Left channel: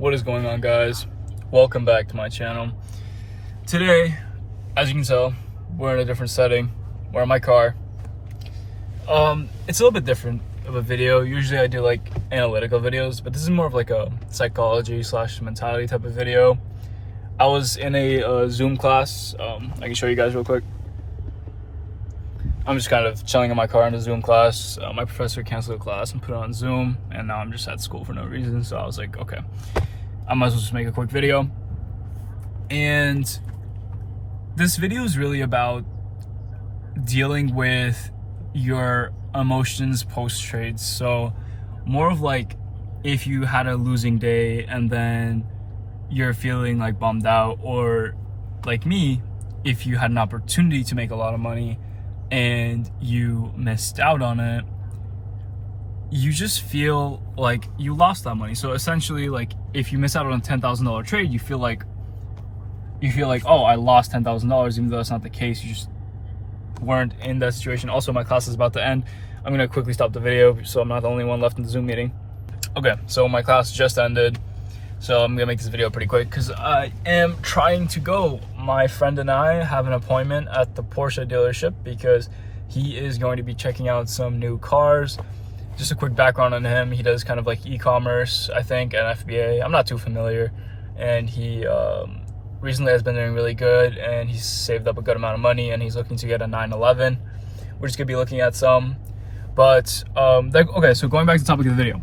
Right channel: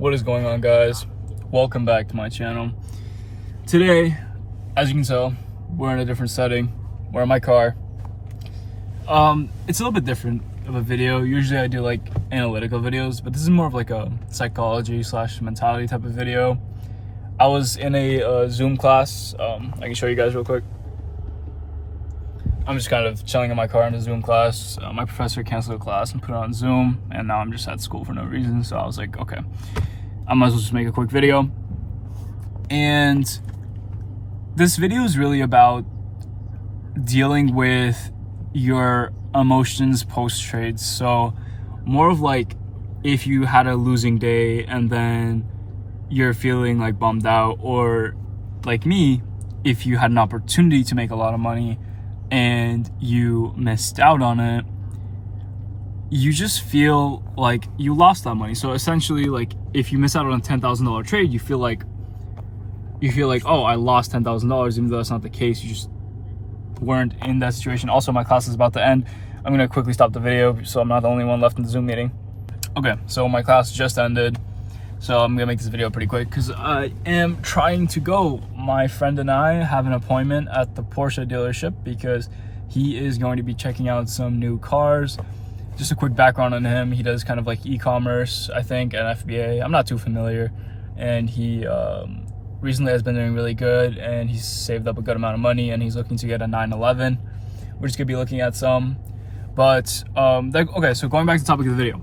What is going on, guys? Welcome back to my channel. Today, as you can tell, we're in a different setting. We're in my car. It's a little bit different of a video. Usually I do like analytical videos, but this is more of like a psychology / mentality type of video. I was in a Zoom class. I can show you guys real quick. I'm just kind of chilling in my car in a Zoom class. My professor canceled the class and put it on Zoom, and now I'm just at school for no reason. So I was like, okay, I might as well just make a quick video. And this video is really about dealing with your emotions post-trade. So more of like if you had a losing day and then you're feeling like bummed out, or like me, if you had an opportunity to make a lot of money and you missed out on it, you just feel like you lost that money. So essentially, like if you miss out on a $10,000 trade, you feel like, oh, I lost $10,000, even though that's not the case. You just weren't in that situation. Also, my class is about to end. I'm gonna quickly stop the video so I'm not the only one left in the Zoom meeting. Okay, so my class just ended, so I'm gonna make this video pretty quick because I am trying to go. My friend and I have an appointment at the Porsche dealership because he is going to be checking out some new cars. Just a quick background on him: he does kind of like e-commerce, I think, and FBA. I'm not too familiar, and he recently has been doing really good, and he's saved up a good amount of money, and he's looking to get a 911. We're just gonna be looking at some, but okay. So going back to the topic of the video.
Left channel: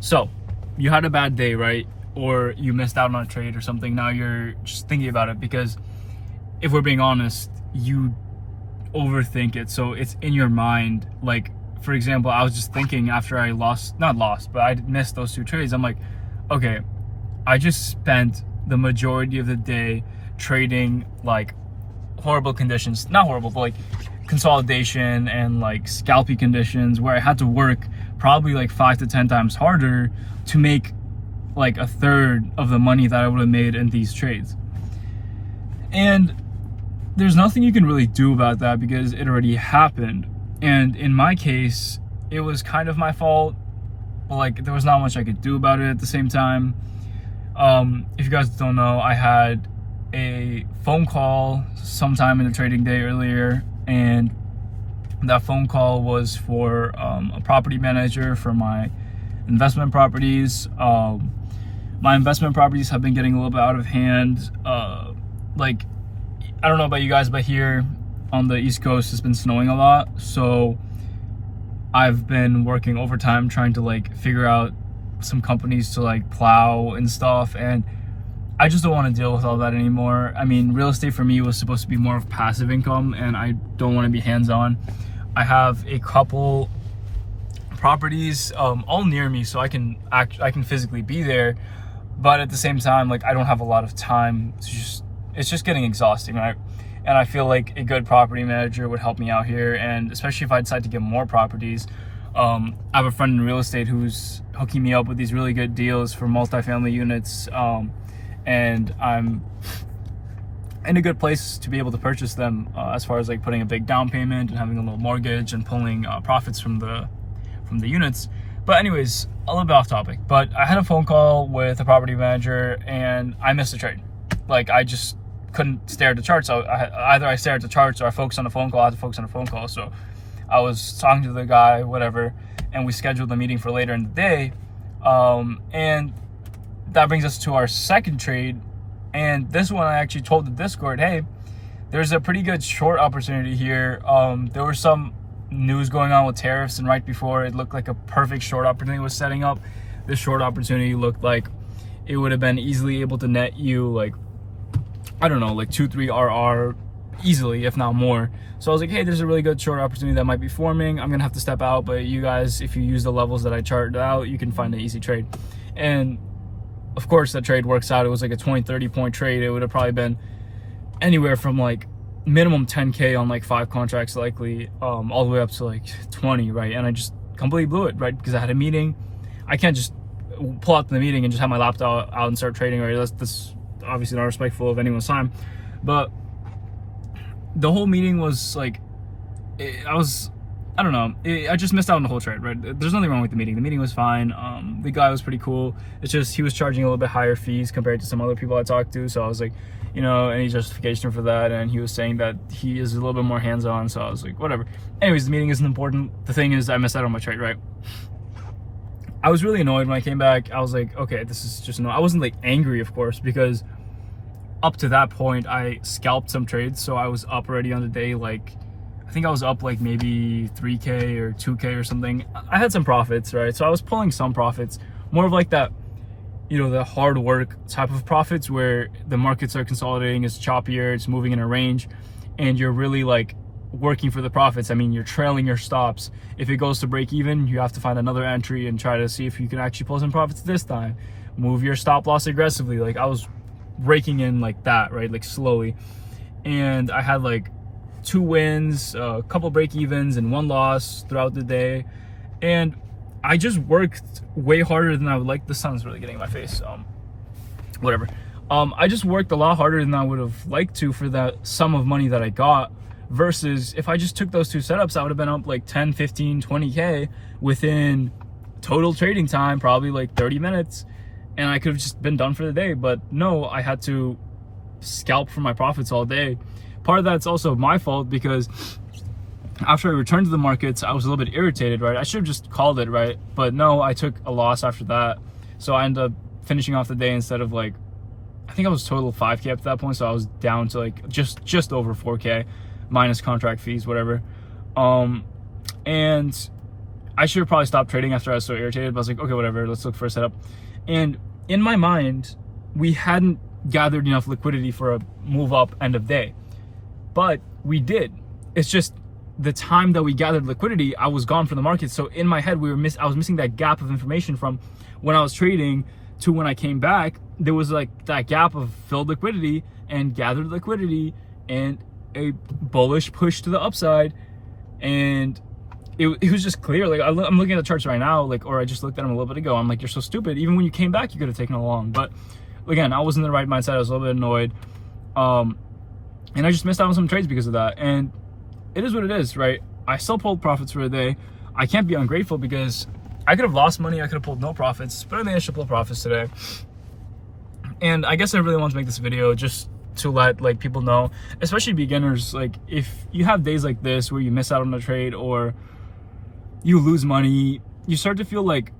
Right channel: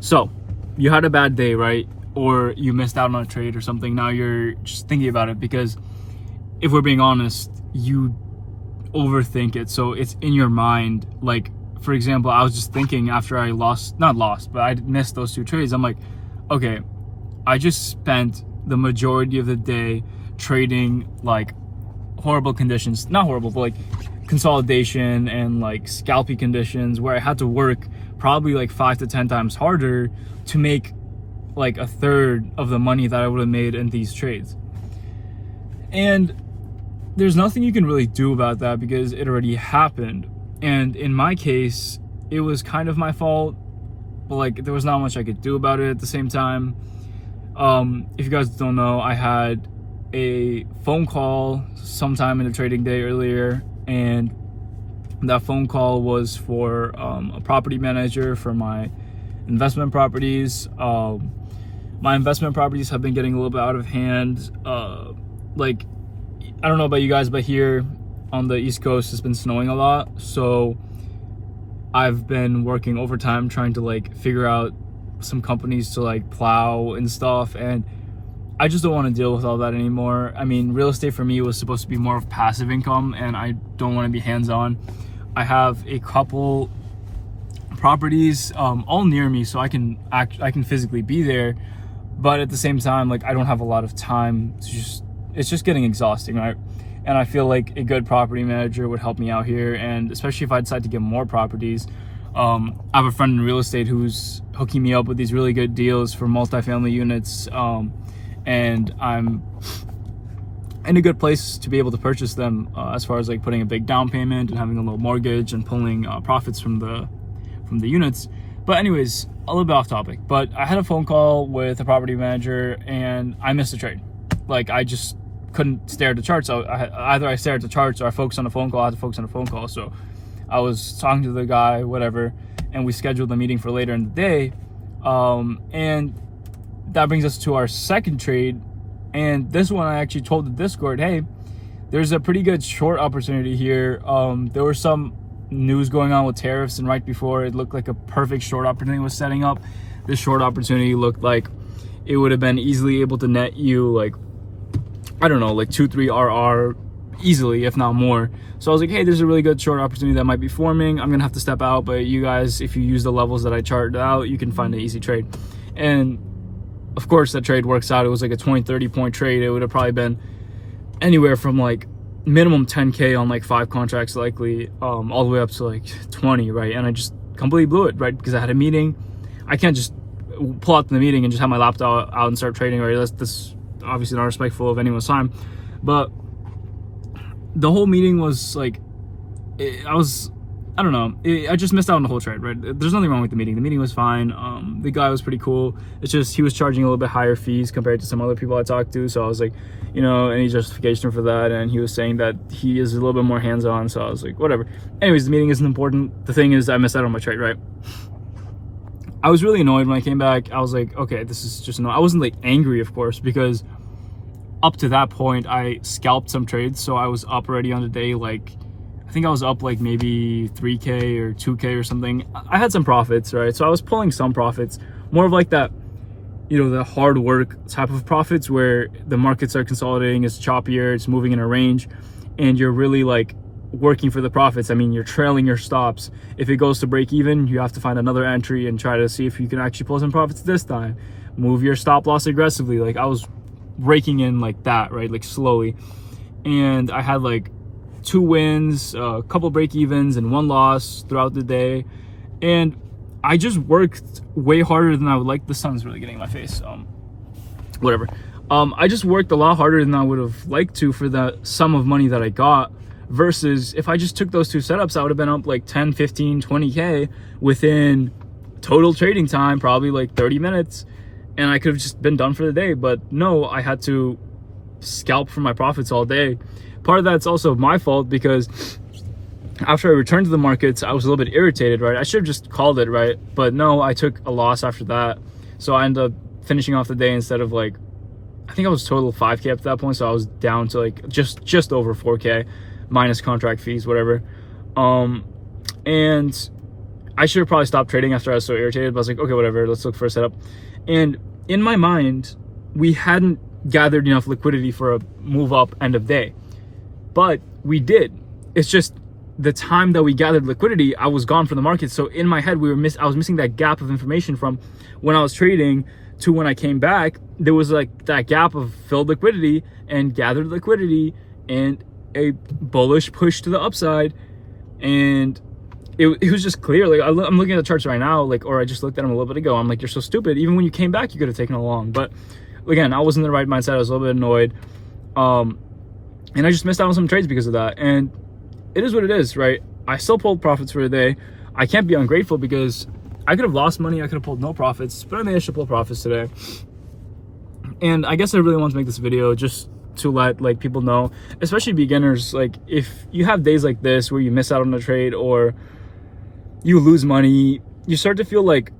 So you had a bad day, right? Or you missed out on a trade or something. Now you're just thinking about it because, if we're being honest, you overthink it. So it's in your mind. Like, for example, I was just thinking after I I missed those two trades. I'm like, okay, I just spent the majority of the day trading like horrible conditions. Not horrible, but like consolidation and like scalpy conditions where I had to work probably like 5 to 10 times harder to make like a third of the money that I would have made in these trades. And there's nothing you can really do about that because it already happened. And in my case, it was kind of my fault, but like there was not much I could do about it at the same time. If you guys don't know, I had a phone call sometime in the trading day earlier, and that phone call was for a property manager for my investment properties. My investment properties have been getting a little bit out of hand. Like, I don't know about you guys, but here on the East Coast, it's been snowing a lot. So I've been working overtime trying to like figure out some companies to like plow and stuff. And I just don't want to deal with all that anymore. I mean, real estate for me was supposed to be more of passive income, and I don't want to be hands-on. I have a couple properties all near me, so I can physically be there, but at the same time, like I don't have a lot of time to it's just getting exhausting, right? And I feel like a good property manager would help me out here, and especially if I decide to get more properties. I have a friend in real estate who's hooking me up with these really good deals for multifamily units, and I'm in a good place to be able to purchase them, as far as like putting a big down payment and having a little mortgage and pulling profits from the units. But anyways, a little bit off topic, but I had a phone call with a property manager and I missed a trade. Like, I just couldn't stare at the charts. Either I stared at the charts or I focused on the phone call. I had to focus on the phone call. So I was talking to the guy, whatever, and we scheduled the meeting for later in the day. And that brings us to our second trade. And this one, I actually told the Discord, hey, there's a pretty good short opportunity here. There was some news going on with tariffs, and right before, it looked like a perfect short opportunity was setting up. This short opportunity looked like it would have been easily able to net you like, I don't know, like 2-3 RR easily, if not more. So I was like, hey, there's a really good short opportunity that might be forming. I'm gonna have to step out, but you guys, if you use the levels that I charted out, you can find an easy trade. And of course that trade works out. It was like a 20-30 point trade. It would have probably been anywhere from like minimum 10K on like 5 contracts likely, all the way up to like 20, right? And I just completely blew it, right? Because I had a meeting. I can't just pull out the meeting and just have my laptop out and start trading, right? That's obviously not respectful of anyone's time. But the whole meeting was like, I was I don't know. I just missed out on the whole trade, right? There's nothing wrong with the meeting. The meeting was fine. The guy was pretty cool. It's just he was charging a little bit higher fees compared to some other people I talked to. So I was like, you know, any justification for that? And he was saying that he is a little bit more hands-on. So I was like, whatever. Anyways, the meeting isn't important. The thing is, I missed out on my trade, right? I was really annoyed when I came back. I was like, okay, this is just annoying. I wasn't like angry, of course, because up to that point, I scalped some trades. So I was up already on the day, like, I think I was up like maybe 3K or 2K or something. I had some profits, right? So I was pulling some profits, more of like that, you know, the hard work type of profits where the markets are consolidating, it's choppier, it's moving in a range, and you're really like working for the profits. I mean, you're trailing your stops. If it goes to break even, you have to find another entry and try to see if you can actually pull some profits this time. Move your stop loss aggressively. Like I was raking in like that, right? Like slowly. And I had like 2 wins, a couple break evens, and 1 loss throughout the day. And I just worked way harder than I would like. The sun's really getting in my face. Whatever. I just worked a lot harder than I would have liked to for the sum of money that I got. Versus if I just took those 2 setups, I would have been up like 10, 15, 20K within total trading time, probably like 30 minutes. And I could have just been done for the day. But no, I had to scalp for my profits all day. Part of that's also my fault because after I returned to the markets, I was a little bit irritated, right? I should have just called it, right? But no, I took a loss after that. So I ended up finishing off the day instead of like, I think I was total 5K up to that point. So I was down to like just over 4K minus contract fees, whatever. And I should have probably stopped trading after I was so irritated, but I was like, okay, whatever, let's look for a setup. And in my mind, we hadn't gathered enough liquidity for a move up end of day. But we did. It's just the time that we gathered liquidity, I was gone from the market. So in my head, I was missing that gap of information from when I was trading to when I came back. There was like that gap of filled liquidity and gathered liquidity and a bullish push to the upside. And it was just clear. Like I'm looking at the charts right now, like, or I just looked at them a little bit ago. I'm like, you're so stupid. Even when you came back, you could have taken a long. But again, I wasn't in the right mindset. I was a little bit annoyed. And I just missed out on some trades because of that. And it is what it is, right? I still pulled profits for a day. I can't be ungrateful because I could have lost money. I could have pulled no profits, but I managed to pull profits today. And I guess I really want to make this video just to let like people know, especially beginners, like if you have days like this where you miss out on a trade or you lose money, you start to feel like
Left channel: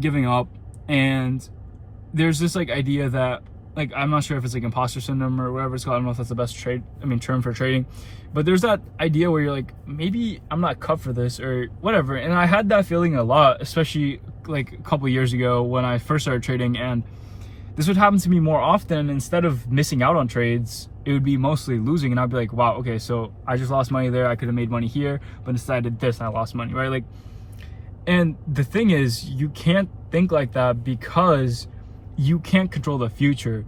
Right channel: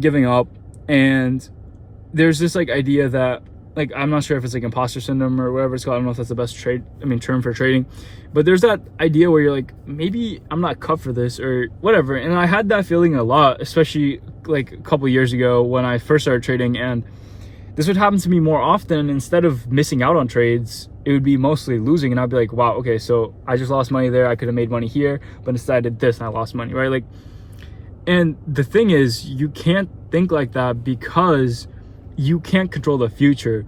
giving up. And there's this like idea that, like, I'm not sure if it's like imposter syndrome or whatever it's called. I don't know if that's the best term for trading, but there's that idea where you're like, maybe I'm not cut for this or whatever. And I had that feeling a lot, especially like a couple years ago when I first started trading, and this would happen to me more often. Instead of missing out on trades, it would be mostly losing. And I'd be like, wow, okay, so I just lost money there. I could have made money here, but instead I did this and I lost money, right? Like, and the thing is, you can't think like that because you can't control the future.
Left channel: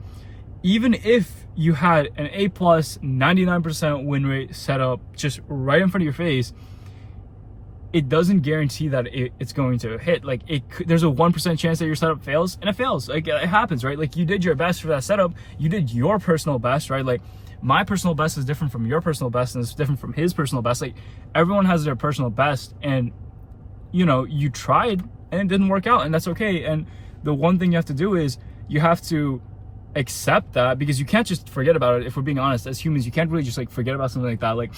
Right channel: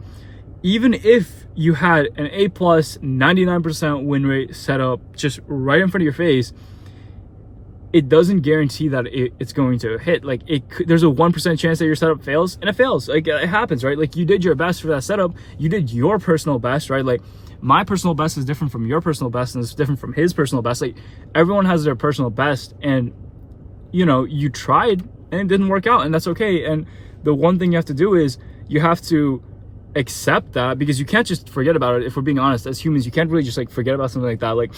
Even if you had an A+ 99% win rate set up just right in front of your face, it doesn't guarantee that it's going to hit. Like there's a 1% chance that your setup fails, and it fails. Like it happens, right? Like you did your best for that setup. You did your personal best, right? Like my personal best is different from your personal best, and it's different from his personal best. Like everyone has their personal best, and you know, you tried and it didn't work out, and that's okay. And the one thing you have to do is you have to accept that, because you can't just forget about it. If we're being honest, as humans, you can't really just like forget about something like that. Like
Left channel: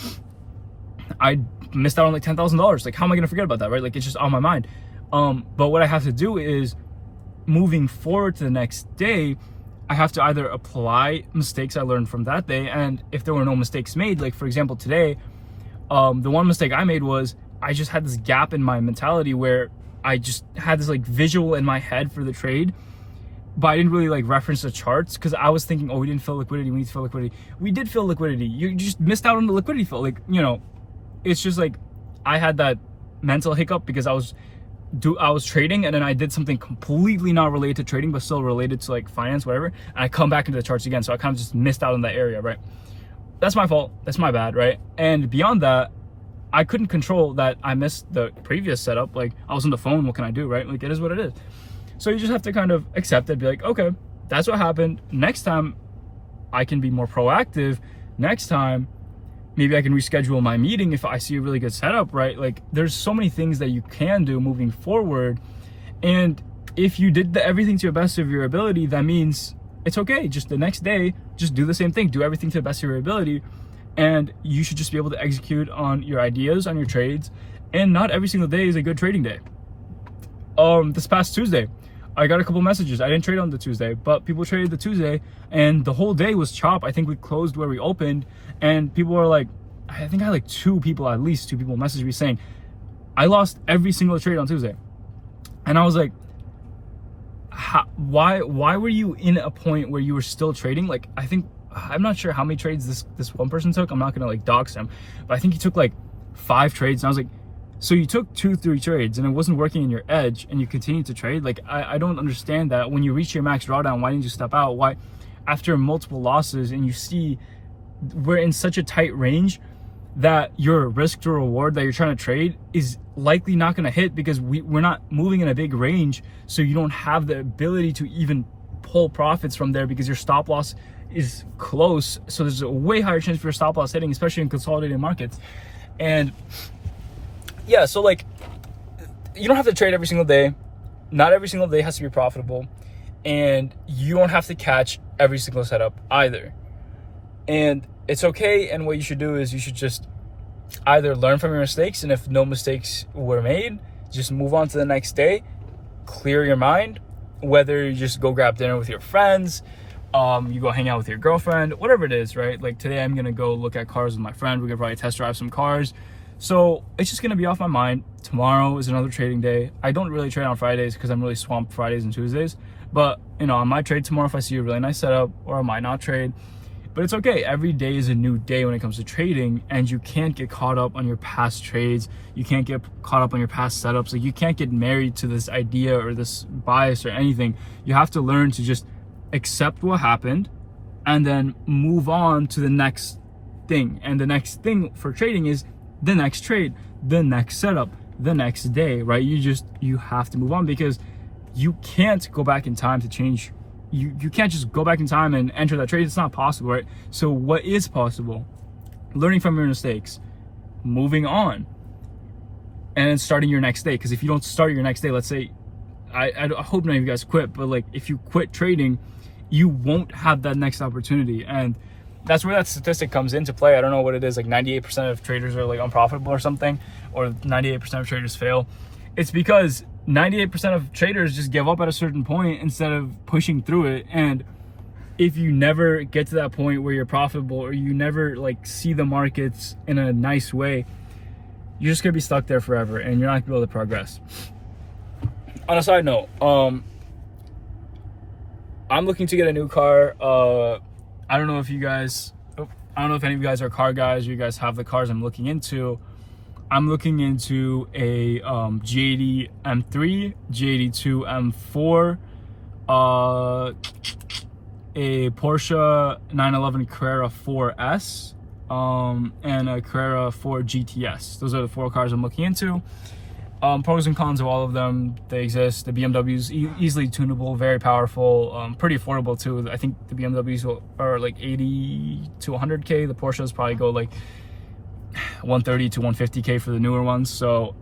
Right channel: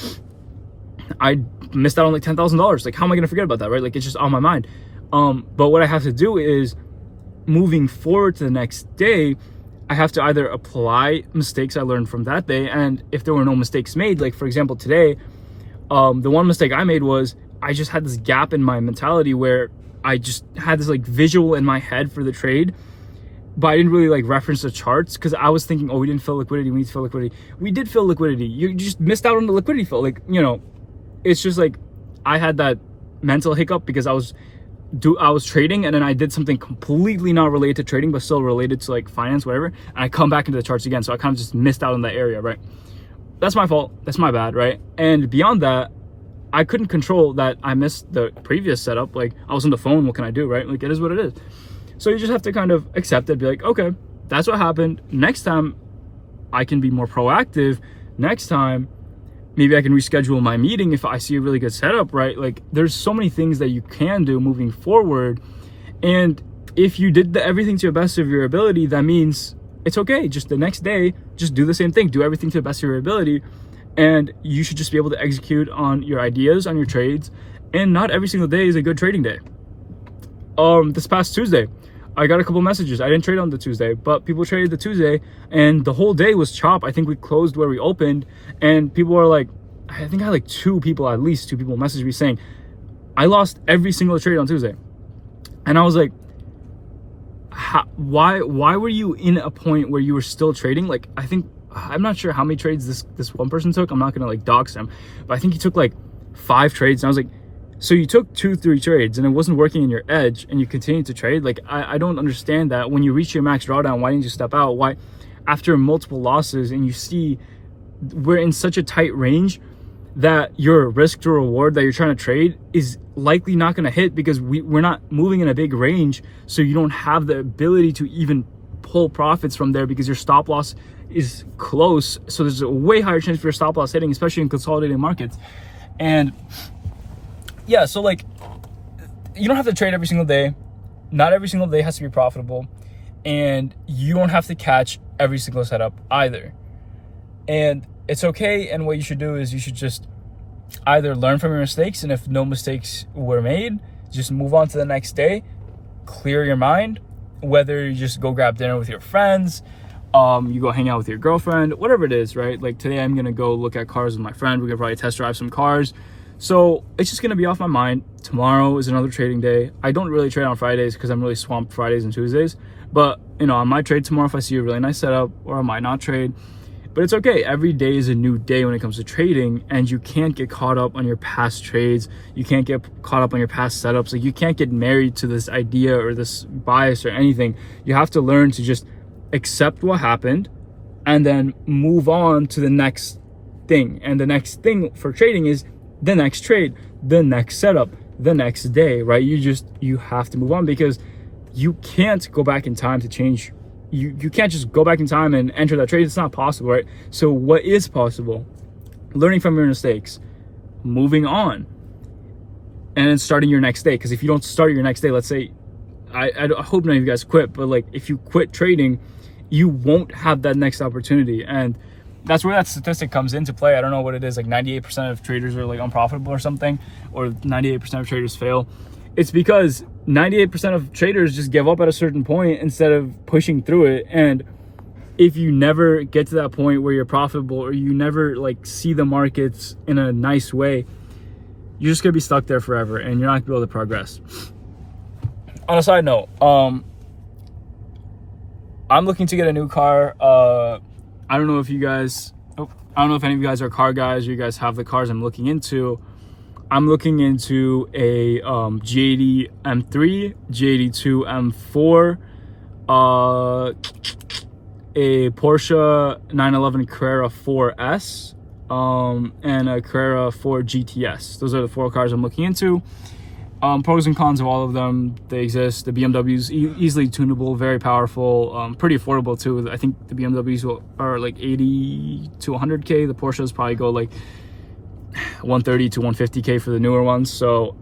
I missed out on like $10,000. Like how am I gonna forget about that, right? Like it's just on my mind. But what I have to do is, moving forward to the next day, I have to either apply mistakes I learned from that day, and if there were no mistakes made, like for example today, the one mistake I made was I just had this gap in my mentality where I just had this like visual in my head for the trade, but I didn't really like reference the charts because I was thinking, oh, we didn't fill liquidity, we need to fill liquidity. We did fill liquidity. You just missed out on the liquidity fill. Like, you know, it's just like I had that mental hiccup because I was trading, and then I did something completely not related to trading but still related to like finance, whatever, and I come back into the charts again. So I kind of just missed out on that area, right? That's my fault. That's my bad, right? And beyond that, I couldn't control that I missed the previous setup. Like I was on the phone, what can I do, right? Like it is what it is. So you just have to kind of accept it, be like, okay, that's what happened. Next time I can be more proactive. Next time maybe I can reschedule my meeting if I see a really good setup, right? Like there's so many things that you can do moving forward. And if you did everything to the best of your ability, that means it's okay. Just the next day, just do the same thing, do everything to the best of your ability. And you should just be able to execute on your ideas, on your trades. And not every single day is a good trading day. This past Tuesday, I got a couple messages. I didn't trade on the Tuesday, but people traded the Tuesday and the whole day was chop. I think we closed where we opened, and people are like, I think I had like at least two people message me saying, I lost every single trade on Tuesday. And I was like, why were you in a point where you were still trading? Like, I'm not sure how many trades this one person took. I'm not gonna like dox him, but I think he took like 5 trades. And I was like, so you took 2-3 trades and it wasn't working in your edge and you continued to trade? Like, I don't understand that. When you reach your max drawdown, why didn't you step out? Why, after multiple losses, and you see we're in such a tight range that your risk to reward that you're trying to trade is likely not going to hit, because we're not moving in a big range, so you don't have the ability to even pull profits from there because your stop loss is close. So there's a way higher chance for your stop loss hitting, especially in consolidated markets. And yeah, so like, you don't have to trade every single day. Not every single day has to be profitable, and you don't have to catch every single setup either. And it's okay. And what you should do is you should just either learn from your mistakes, and if no mistakes were made, just move on to the next day, clear your mind, whether you just go grab dinner with your friends, you go hang out with your girlfriend, whatever it is, right? Like today I'm gonna go look at cars with my friend. We're gonna probably test drive some cars. So it's just gonna be off my mind. Tomorrow is another trading day. I don't really trade on Fridays because I'm really swamped Fridays and Tuesdays, but you know, I might trade tomorrow if I see a really nice setup, or I might not trade. But it's okay. Every day is a new day when it comes to trading, and you can't get caught up on your past trades. You can't get caught up on your past setups. Like, you can't get married to this idea or this bias or anything. You have to learn to just accept what happened and then move on to the next thing. And the next thing for trading is the next trade, the next setup, the next day, right? You have to move on, because you can't go back in time to change. You can't just go back in time and enter that trade. It's not possible, right? So what is possible? Learning from your mistakes, moving on, and then starting your next day. Because if you don't start your next day, let's say, I hope none of you guys quit, but like if you quit trading, you won't have that next opportunity. And that's where that statistic comes into play. I don't know what it is, like 98% of traders are like unprofitable or something, or 98% of traders fail. It's because 98% of traders just give up at a certain point instead of pushing through it. And if you never get to that point where you're profitable, or you never like see the markets in a nice way, you're just gonna be stuck there forever, and you're not gonna be able to progress. On a side note, I'm looking to get a new car. I don't know if any of you guys are car guys, or you guys have the cars I'm looking into. I'm looking into a G80 M3, G82 M4, a Porsche 911 Carrera 4S, and a Carrera 4 GTS. Those are the 4 cars I'm looking into. Pros and cons of all of them, they exist. The BMW's easily tunable, very powerful, pretty affordable too. I think the BMWs are like 80 to 100K. The Porsches probably go like 130 to 150K for the newer ones. So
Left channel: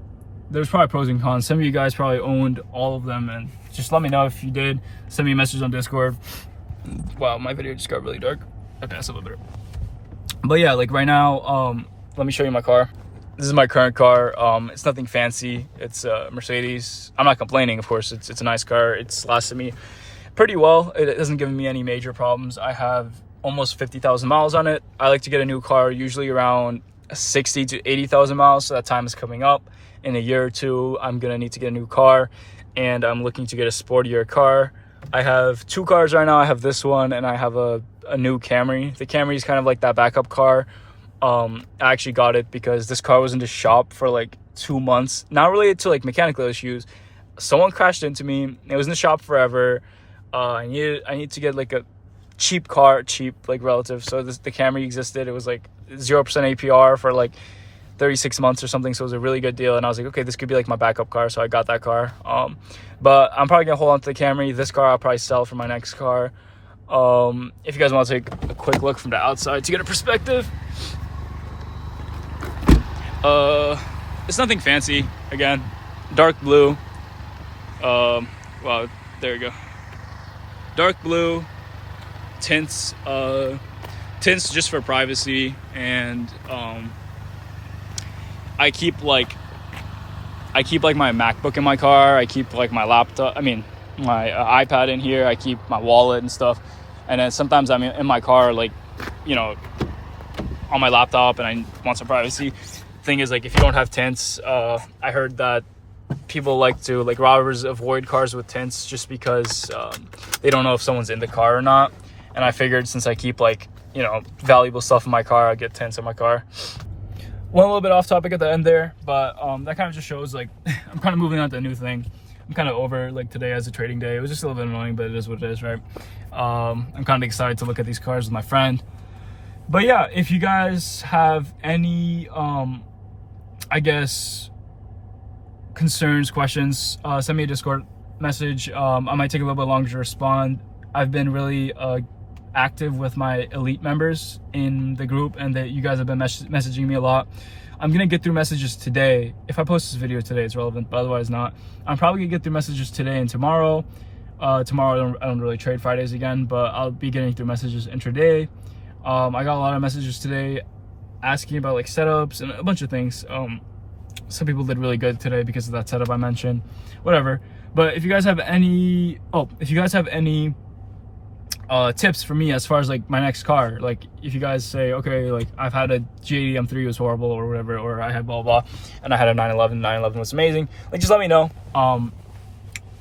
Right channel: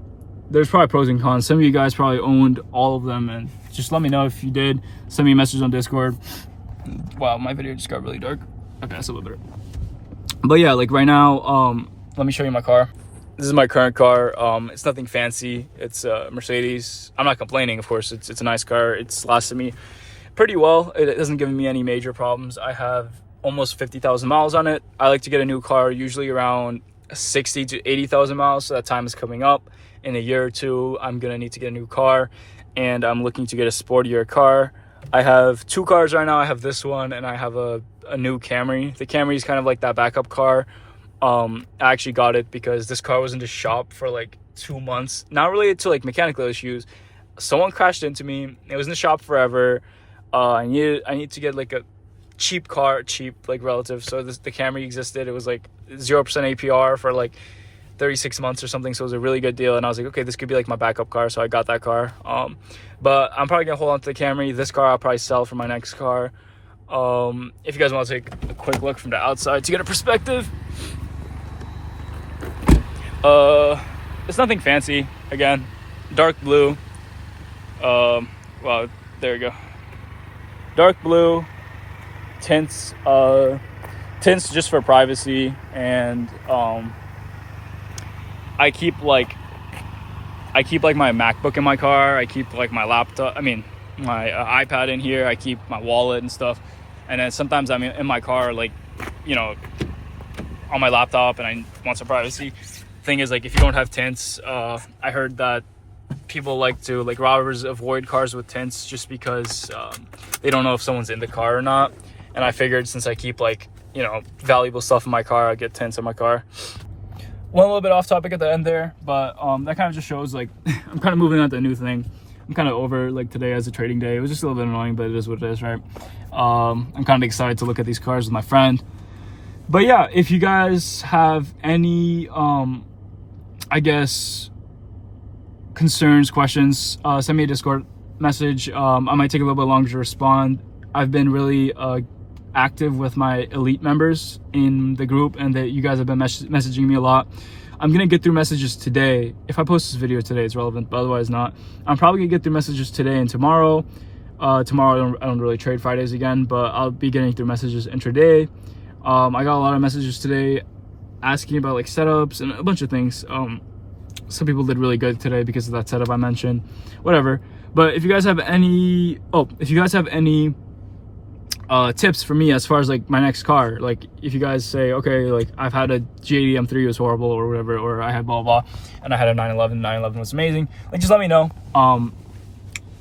there's probably pros and cons. Some of you guys probably owned all of them, and just let me know if you did. Send me a message on Discord. Wow, my video just got really dark. Okay, that's a little better. But yeah, like right now, let me show you my car. This is my current car. It's nothing fancy. It's a Mercedes. I'm not complaining, of course. It's a nice car. It's lasted me pretty well. It doesn't give me any major problems. I have almost 50,000 miles on it. I like to get a new car usually around 60 to 80,000 miles. So that time is coming up. In a year or two, I'm gonna need to get a new car, and I'm looking to get a sportier car. I have 2 cars right now. I have this one, and I have a new Camry. The Camry is kind of like that backup car. I actually got it because this car was in the shop for like 2 months, not related to like mechanical issues. Someone crashed into me. It was in the shop forever. I need to get like a cheap car, like relative. So the Camry existed. It was like 0% APR for like 36 months or something. So it was a really good deal. And I was like, okay, this could be like my backup car. So I got that car. But I'm probably gonna hold on to the Camry. This car I'll probably sell for my next car. If you guys want to take a quick look from the outside to get a perspective, It's nothing fancy. Again, dark blue. Well, there you go. Dark blue tints. Tints just for privacy, and I keep like my MacBook in my car. I keep like my laptop. I mean, my iPad in here. I keep my wallet and stuff. And then sometimes I'm in my car, like, you know, on my laptop, and I want some privacy. Thing is, like, if you don't have tints, I heard that people robbers avoid cars with tints just because they don't know if someone's in the car or not. And I figured, since I keep, like, you know, valuable stuff in my car, I'd get tints in my car. Went a little bit off topic at the end there, but that kind of just shows, like, I'm kind of moving on to a new thing. I'm kind of over, like, today as a trading day. It was just a little bit annoying, but it is what it is, right? I'm kind of excited to look at these cars with my friend. But yeah, if you guys have any I guess concerns, questions, send me a Discord message. I might take a little bit longer to respond. I've been really active with my elite members in the group, and that you guys have been messaging me a lot. I'm gonna get through messages today. If I post this video today, it's relevant, but otherwise not. I'm probably gonna get through messages today and tomorrow. Tomorrow I don't really trade Fridays again, but I'll be getting through messages intraday. I got a lot of messages today asking about like setups and a bunch of things. Some people did really good today because of that setup I mentioned, whatever. But if you guys have any tips for me as far as like my next car, like if you guys say, okay, like I've had a G80 M3 was horrible or whatever, or I had blah blah, and I had a 911 was amazing, like just let me know.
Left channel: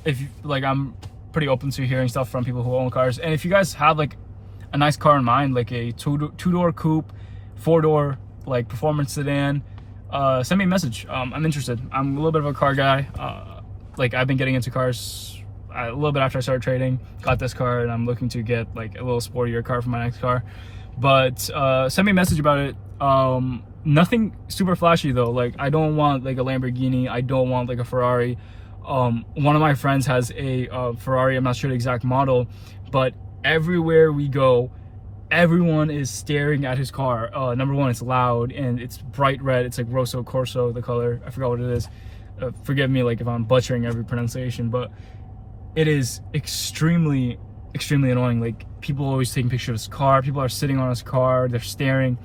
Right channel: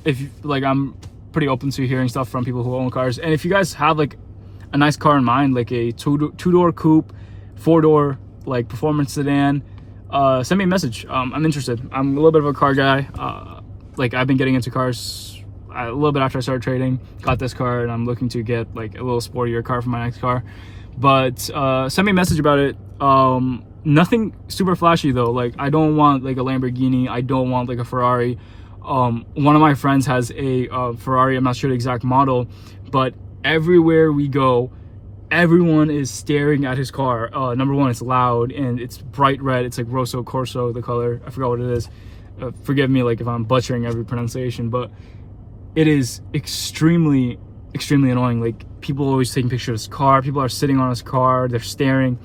If you, like, I'm pretty open to hearing stuff from people who own cars. And if you guys have like a nice car in mind, like a two-door coupe, 4-door like performance sedan, send me a message. I'm interested. I'm a little bit of a car guy. Like I've been getting into cars a little bit after I started trading. Got this car, and I'm looking to get like a little sportier car for my next car. But send me a message about it. Nothing super flashy though. Like I don't want like a Lamborghini. I don't want like a Ferrari. One of my friends has a Ferrari. I'm not sure the exact model, but everywhere we go, everyone is staring at his car. Number one, it's loud and it's bright red. It's like Rosso Corso, the color. I forgot what it is. Forgive me like if I'm butchering every pronunciation, but it is extremely annoying. Like people always taking pictures of his car. People are sitting on his car. They're staring.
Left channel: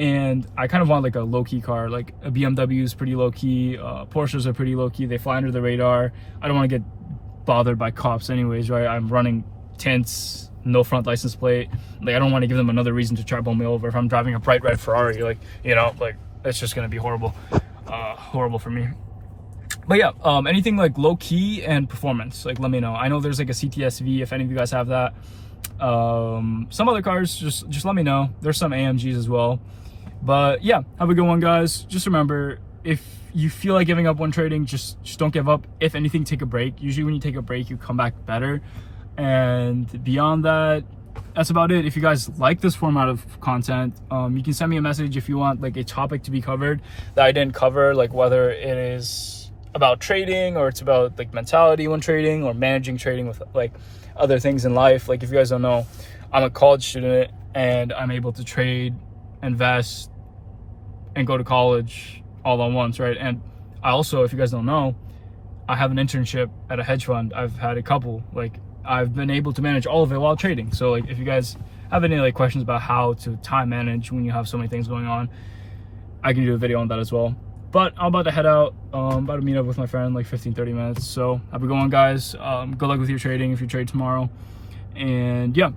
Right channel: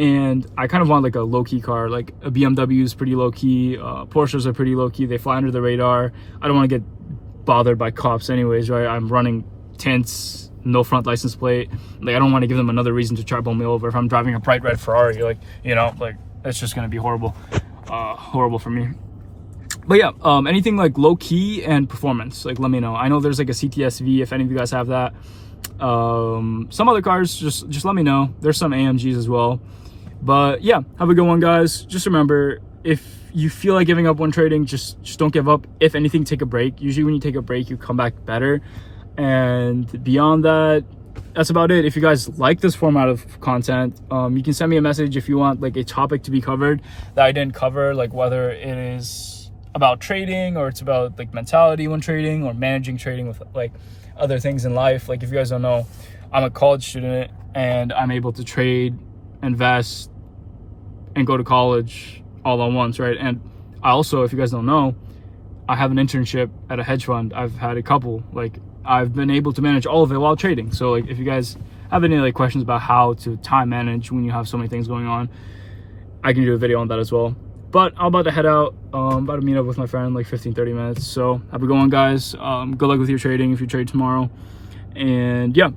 And I kind of want like a low-key car. Like a BMW is pretty low-key. Porsches are pretty low-key. They fly under the radar. I don't want to get bothered by cops anyways, right? I'm running tints, no front license plate. Like I don't want to give them another reason to try to pull me over if I'm driving a bright red Ferrari. Like, you know, like that's just gonna be horrible for me. But yeah, anything like low-key and performance, like let me know. I know there's like a CTSV if any of you guys have that. Some other cars, just let me know. There's some AMGs as well. But yeah, have a good one, guys. Just remember, if you feel like giving up when trading, just don't give up. If anything, take a break. Usually when you take a break, you come back better. And beyond that, that's about it. If you guys like this format of content, you can send me a message if you want like a topic to be covered that I didn't cover, like whether it is about trading or it's about like mentality when trading or managing trading with like other things in life. Like if you guys don't know, I'm a college student and I'm able to trade, invest, and go to college all at once, right? And I also, if you guys don't know, I have an internship at a hedge fund. I've had a couple. Like I've been able to manage all of it while trading. So like if you guys have any like questions about how to time manage when you have so many things going on, I can do a video on that as well. But I'm about to head out. I'm about to meet up with my friend in like 15-30 minutes. So have a good one, guys. Good luck with your trading if you trade tomorrow. And yeah,